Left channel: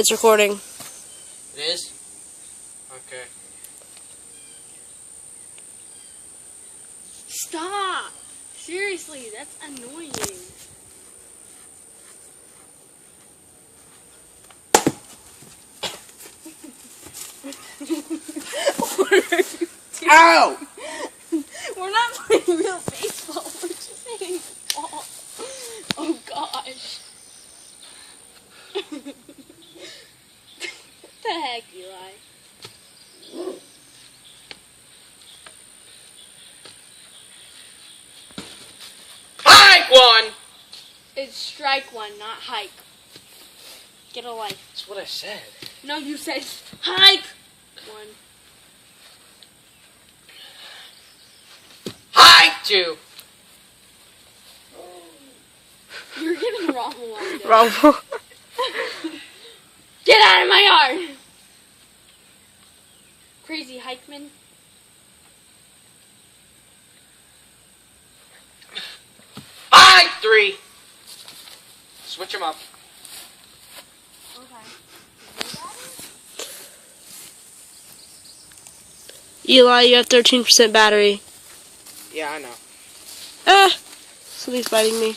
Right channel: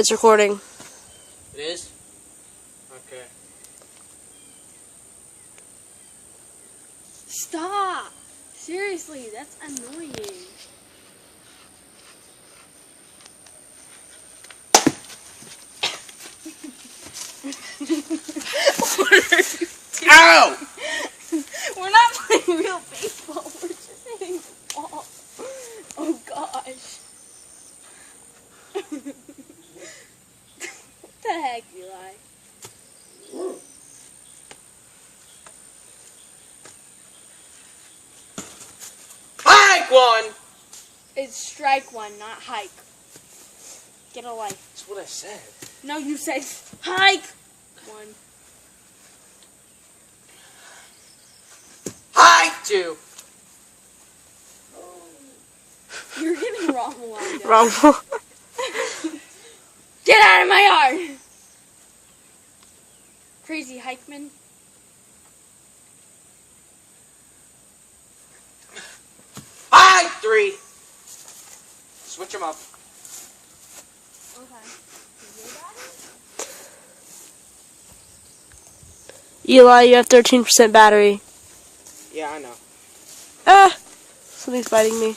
It's recording. It is? Okay. Stop! Seriously, that's annoying. Ow! We're not playing real baseball. We're just hitting the ball. Oh gosh. What the heck, Eli? Hike one! It's strike one, not hike. Get a life. That's what I said. No, you said hike one. Hike two! You're getting the wrong one. though. Wrong ball. Get out of my yard! Crazy hikeman. Hike three! Switch them up. Okay. Eli, you have 13% battery. Yeah, I know. Ah! Something's biting me.